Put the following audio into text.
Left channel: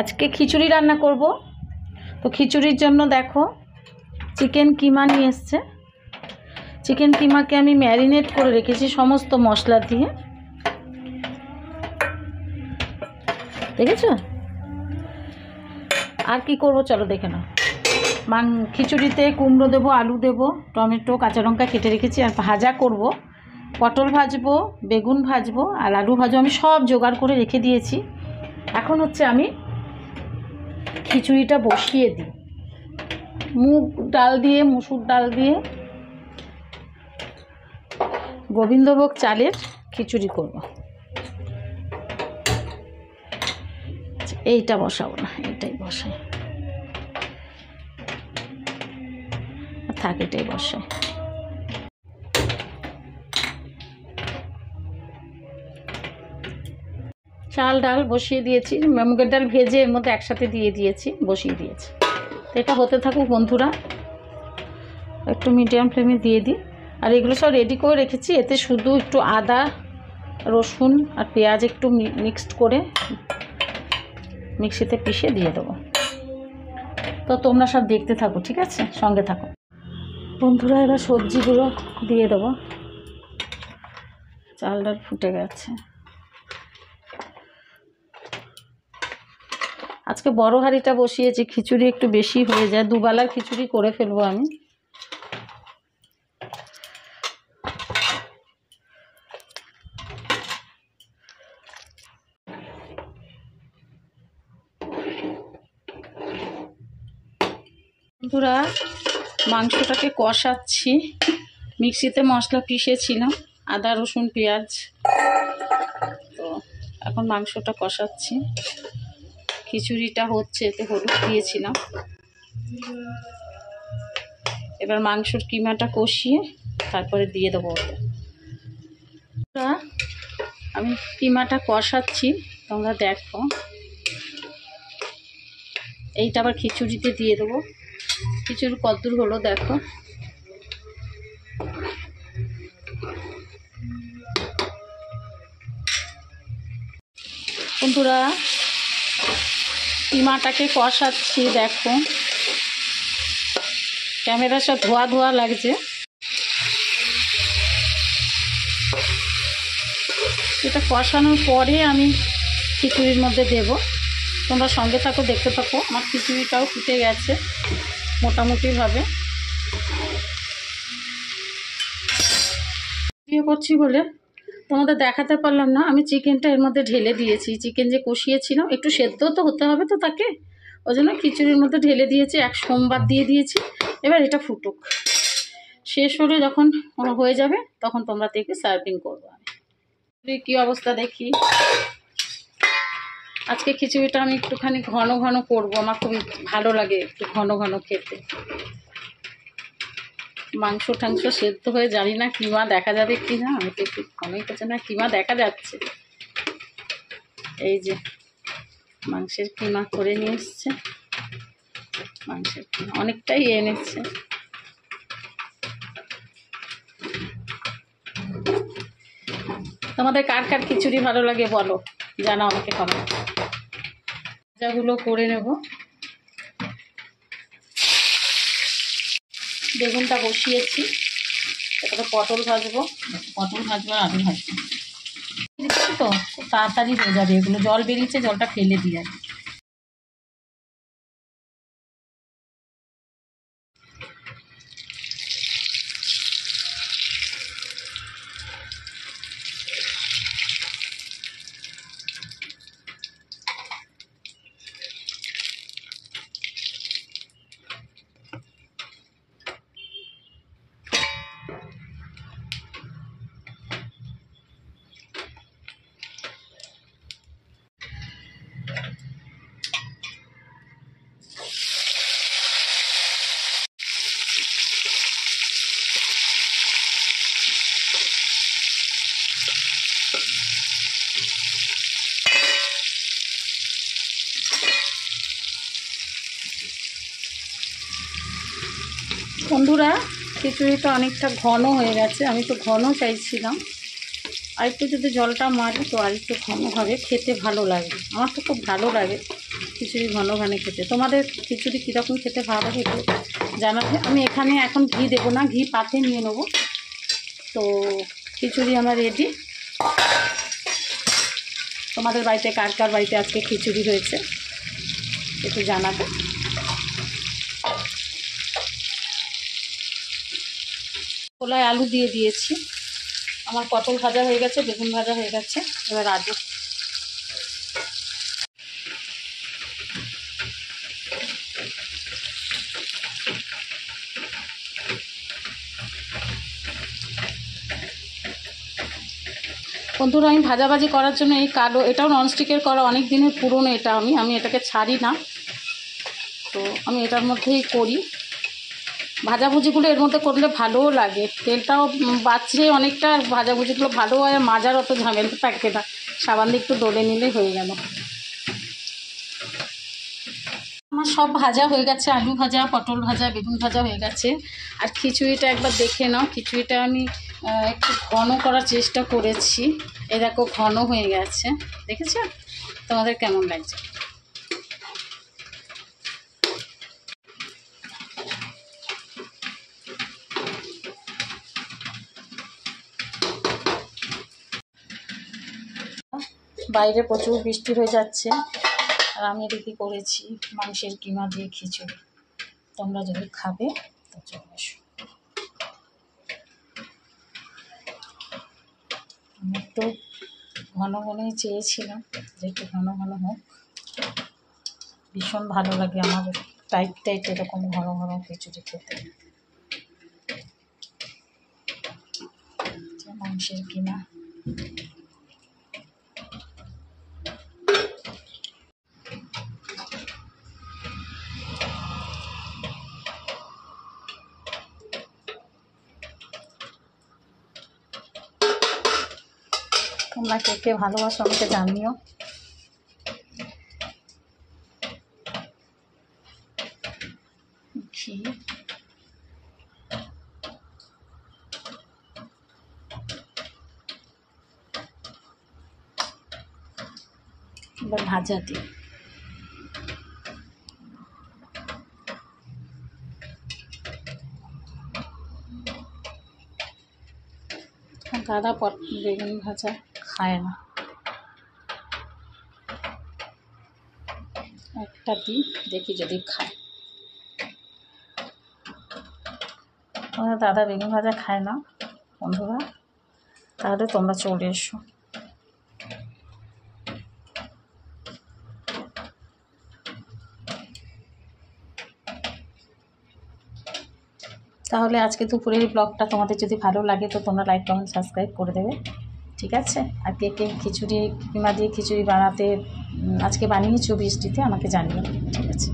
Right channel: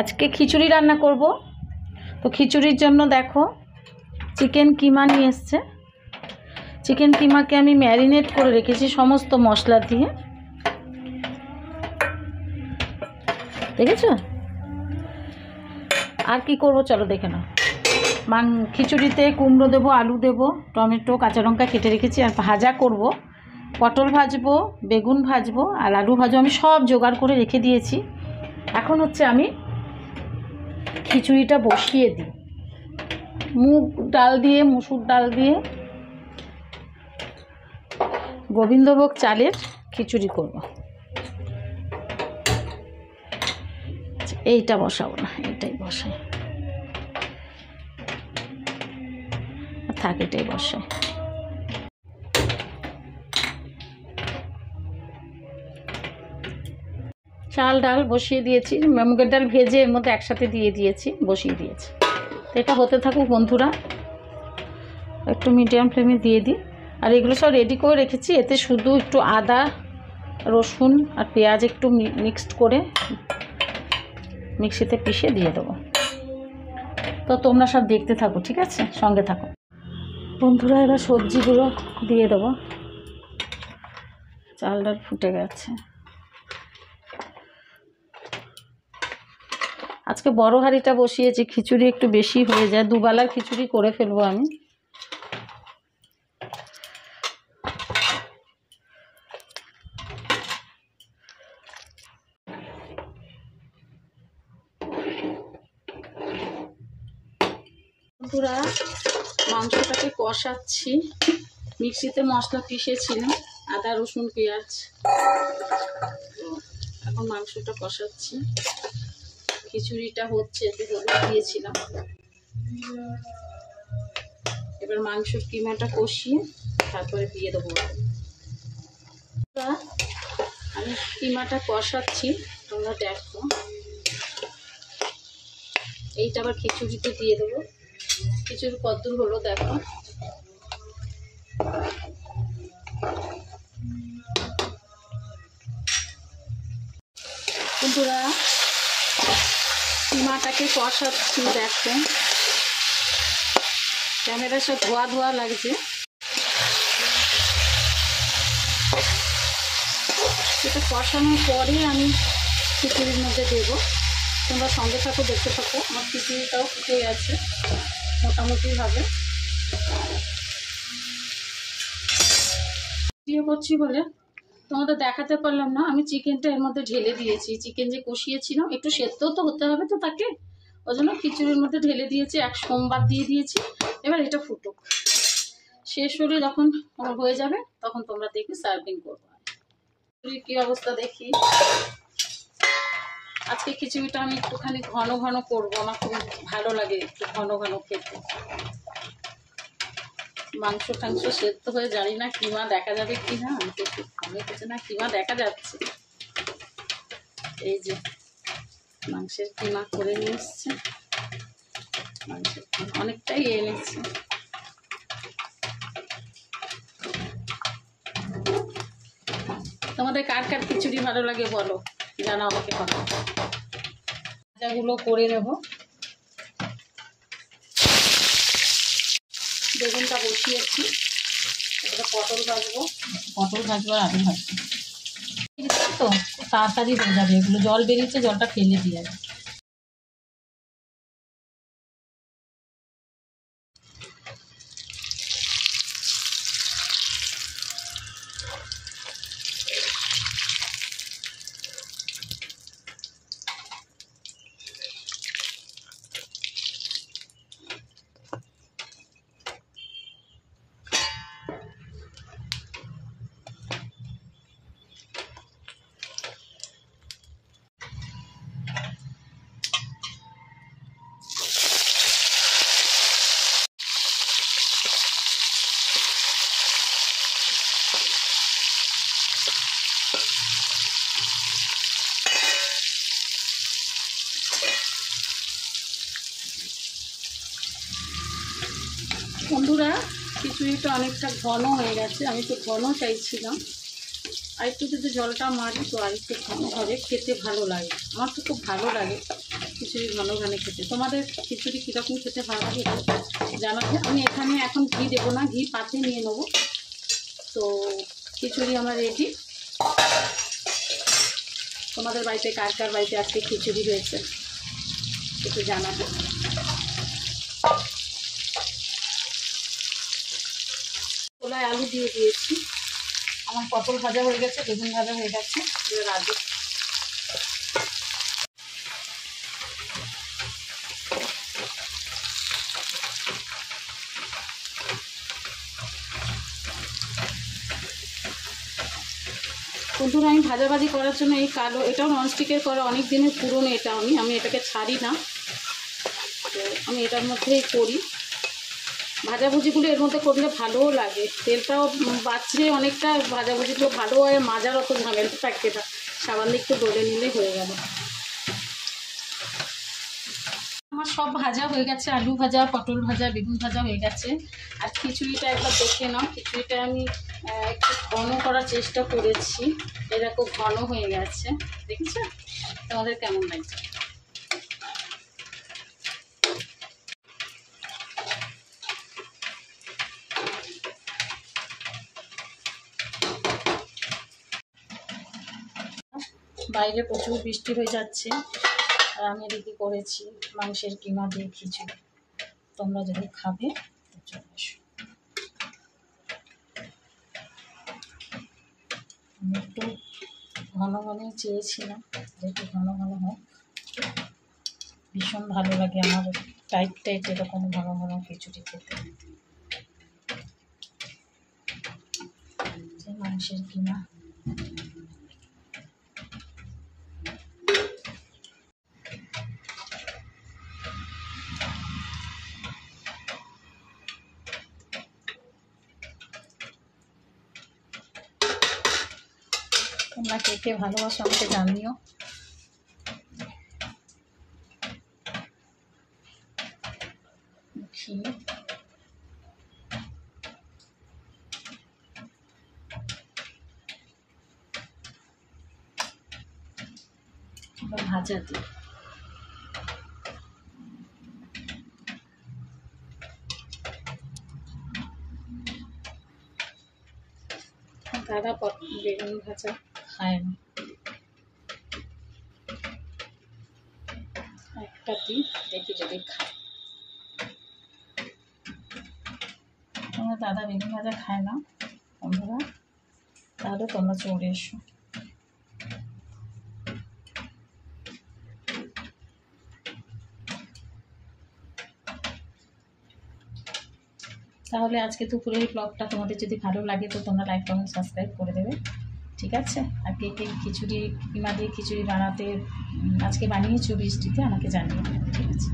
আজকে খিচুড়ি রান্না করব। তো খিচুড়ির জন্য দেখো চিকেন কিমা নিয়ে এসছে। চিকেন কিমাকে আমি ম্যারিনেট করে রেখেছি সমস্ত মশলা দিয়ে, দেখেছো? আর কি করব চলো দেখে নাও। খিচুড়িতে কুমড়ো দেবো, আলু দেবো, টমেটো, কাঁচা লঙ্কা কেটে রেখেছি। আর ভাজা করব, পটল ভাজবো, বেগুন ভাজবো আর আলু ভাজবো। আমি সব জোগাড় করে রেখে দিয়েছি। এখন হচ্ছে আমি খিচুড়িটা বসিয়ে দিই। মুগ ডাল দিয়ে, মুসুর ডাল দিয়ে গোবিন্দভোগ চালের খিচুড়ি করব। এইটা বসাবো না, এইটাই বসাই, থাক এটাই বসাই। চাল ডাল বসিয়ে দিয়েছি, মুগের ডাল ভেজে এর মধ্যে একসাথে দিয়ে দিয়েছি, বসিয়ে দিয়েছি। এটা হতে থাকুক বন্ধুরা, একটু মিডিয়াম ফ্লেমে দিয়ে দিই। আর এগুলো সব রেডি করে রেখেছি। এতে শুধু একটু আদা, রসুন আর পেঁয়াজ একটু মিক্সড করে মিক্সিতে পিষে দিয়ে দেবো। তো তোমরা সব দেখতে থাকো, ঠিক আছে? সঙ্গে থাকো বন্ধুরা। এবার সবজিগুলো দিয়ে দেবো। চাল ডাল ফুটে গেছে। আজকে বড় হাঁড়িটা বসিয়েছি, খিচুড়ি একটু বেশি হয়ে যায়, দুবেলার খিচুড়ি করে ফেলবো আমি। বন্ধুরা মাংসটাকে কষাচ্ছি। মিক্সিতে মশলা পিষেছিলাম, আদা রসুন পেঁয়াজ। তো এখন মাংসটা কষাচ্ছি। খিচুড়িটা হচ্ছে, এতে হলুদ দিয়েছিলাম। এবার মাংসর কিমাটা কষিয়ে তারপরে দিয়ে দেবো। আমি কিমাটা কষাচ্ছি, তোমরা দেখো। এইটা আবার খিচুড়িতে দিয়ে দেবো। খিচুড়ি কদ্দূর হলো দেখো। বন্ধুরা কিমাটাকে কষাচ্ছি, দেখো ক্যামেরা সব ধোয়া ধোয়া লাগছে। এটা কষানোর পরে আমি খিচুড়ির মধ্যে দেব। তোমরা সঙ্গে থাকো, দেখতে থাকো। আমার খিচুড়িটাও ফুটে গেছে মোটামুটিভাবে। দিয়ে করছি বলে তোমাদের দেখাতে পারলাম না। আমি চিকেনটা এর মধ্যে ঢেলে দিয়েছি। চিকেন যে কষিয়েছিলাম, একটু সেদ্ধ তো হতে হবে তো তাকে, ওই জন্য খিচুড়ির মধ্যে ঢেলে দিয়েছি। এক সোমবার দিয়ে দিয়েছি। এবার এটা ফুটুক, শেষ হলে যখন হয়ে যাবে তখন তোমরা দেখে সার্ভিং করবো। কি অবস্থা দেখি। আজকে খিচুড়িটা আমি একটুখানি ঘন ঘন করবো, আমার খুব ভালো লাগে একটু ঘন ঘন খেতে। মাংস টাংস সেদ্ধ হয়ে জানি না কিমা দেখা যাবে কি না। আমি তো একটু ঘনই করছে না, কিমা দেখা যাচ্ছে। এই যে মাংসের কিমা করে নিয়ে এসছে, মাংসের কিমা অনেকটাই এনেছে। তোমাদের কার কার খিচুড়ি ভালো লাগে বলো, জানাও আমাকে খবর। ভাজাগুলো করে নেব। বেগুনটা বসিয়েছি, তারপরে পটল ভাজবো আর আলু ভাজবো। তো তাড়াতাড়ি হয়ে যাবে। এগুলো জল বেরিয়েছে, জলটা ফেলে দিয়ে যাবে। বন্ধুরা খিচুড়িটা অনেকটা ঘন হয়ে গেছে, আমি তো ঘন চাইছিলাম। আর একটু যদি জলটা মারি তো আর একটু ঘন হবে, খেতে ভালো লাগে। আমার তো খুব ভালো লাগে খিচুড়ি ঘন ঘন খেতে। তোমাদের খিচুড়ি কীরকম খেতে ভালো লাগে একটু জানাবে। আমি এখানে এখন ঘি দেবো না, ঘি পাতে নিয়ে নেবো। তো খিচুড়ি আমার রেডি। তোমাদের বাড়িতে কার কার বাড়িতে আজকে খিচুড়ি হয়েছে একটু জানাবে। কলাই আলু দিয়ে দিয়েছি। আমার পটল ভাজা হয়ে গেছে, বেগুন ভাজা হয়ে গেছে। এবার আলু বন্ধুরা, আমি ভাজাভাজি করার জন্য এই কালো, এটাও ননস্টিকের করা, অনেক দিনের পুরনো এটা। আমি এটাকে ছাড়ি না, তো আমি এটার মধ্যেই করি। ভাজাভুজিগুলো এর মধ্যে করলে ভালোও লাগে, তেলটাও বাঁচে অনেকটা, ভাজাভুজিগুলো ভালো হয়, মাজার অত ঝামেলা থাকে না, সাবান দিয়ে একটু দলে নিলে হয়ে গেল। আমার সব ভাজা হয়ে গেছে, আলু ভাজা, পটল ভাজা, বেগুন ভাজা হয়ে গেছে। আর খিচুড়িটা একবার দেখে নাও। খিচুড়িটা আমি একটু ঘন করার চেষ্টা করেছি, এই দেখো ঘন হয়ে গেছে, দেখেছো? তোমাদের কেমন লাগছে? বাইরে প্রচুর বৃষ্টি হয়ে যাচ্ছে, আর আমি এদিকে করেছি মাংসের কিমা দিয়ে খিচুড়ি। তোমরা যদি খাবে তো চলে এসো। আমি একটু ঘন ঘনই চেয়েছিলাম যে একটু ঘন ঘন হোক, ভীষণ ভালো লাগে আমার টাইট টাইট এরকম ঘন ঘন খিচুড়ি খেতে। মাংসের কিমা তোমরা কে কে ভালোবাসো আমাকে জানিও। এবার ভাজা দিই। দাদা বেগুন ভাজা খায় না, একটা দিই, দেখি যদি খায়। তোমরা দাদা বেগুন ভাজা খায় না বন্ধুরা, তাহলে তোমরা চলে এসো। তাহলে আজকে দুপুরের ব্লগটা তোমাদের যদি ভালো লাগে তো তোমরা লাইক, কমেন্ট, সাবস্ক্রাইব করে দেবে, ঠিক আছে? আর কে কে খিচুড়ি কিমা দিয়ে খিচুড়ি বানাতে আজকে বানিয়েছো বৃষ্টিতে আমাকে জানিও, ঠিক আছে?